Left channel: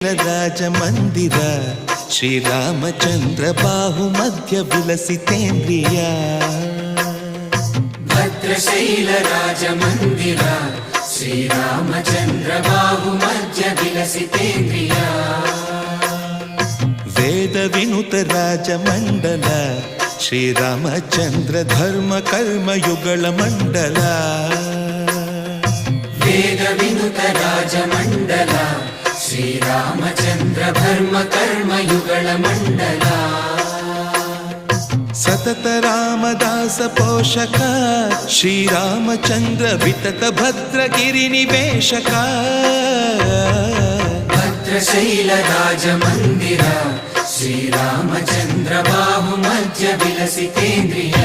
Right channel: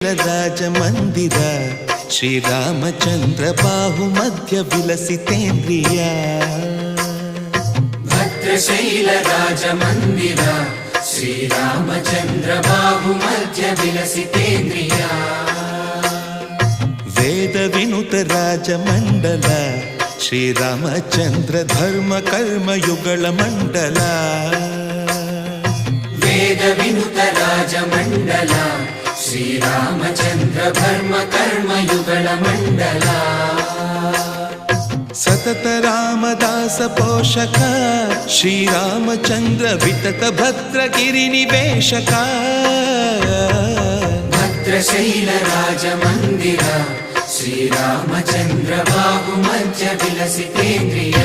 ರಾಜ ಮಂದಿರ ಶ್ರೀರಾಮಚಂದ್ರ ಬಾಹು ಮಧ್ಯ ವಿಲಸಿತೇಂದ್ರಿಯ ಭದ್ರಶೈಲ ರಾಜ ಮಂದಿರ ಶ್ರೀರಾಮಚಂದ್ರ ಬಾಹು ಮಧ್ಯ ವಿಲಸಿತೇಂದ್ರಿಯ ವೇದ ವಿನುತ ರಾಜ ಮಂಡಲ ಶ್ರೀರಾಮಚಂದ್ರ ಧರ್ಮ ಕರ್ಮ ಯುಗಳ ಮಂಡಲ ವೇದ ವಿನುತ ರಾಜ ಮಂಡಲ ಶ್ರೀರಾಮಚಂದ್ರ ಧರ್ಮ ಕರ್ಮ ಯುಗಳ ಮಂಡಲ ಸತತ ರಾಮದಾಸ ಪೋಷಕ ಶ್ರೀರಾಮಚಂದ್ರ ವಿತತ ಭದ್ರಗಿರಿ ನಿವೇಶಕ ಭದ್ರಶೈಲ ರಾಜ ಮಂದಿರ ಶ್ರೀರಾಮಚಂದ್ರ ಬಾಹು ಮಧ್ಯ ವಿಲಸಿತೇಂದ್ರಿಯ